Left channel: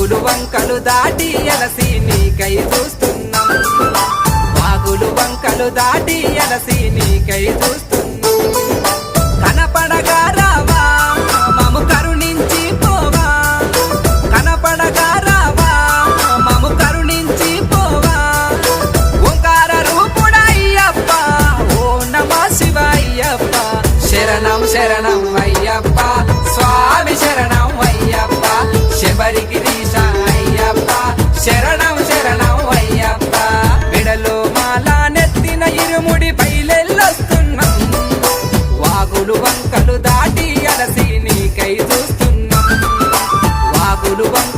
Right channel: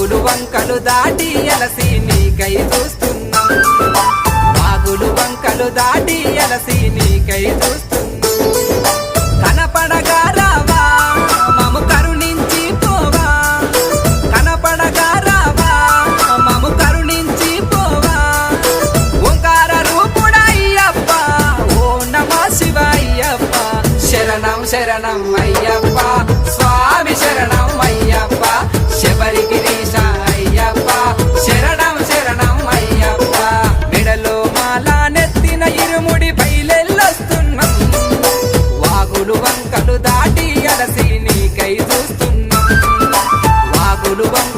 వాగులు వంకలు దాటి అలసి నీకై చూస్తున్నాం వాగులు వంకలు దాటి అలసి నీకై చూస్తున్నాం కనపడగా రావా మము కరుణించి పోవా కనపడగా రావా మము కరుణించి పోవా ఓంకార రూపుడయ్యప్ప ఓ నమః శివాయ్యప్ప శరణం శరణం అయ్యప్ప స్వామి శరణం అయ్యప్ప శబరిగిరీశ అయ్యప్ప శరణం శరణం అయ్యప్ప మెడలో మాల నెత్తిన ఇరుముడి బయలెల్లొస్తున్నాం వాగులు వంకలు దాటి అలసి నీకై చూస్తున్నాం వాగులు వంక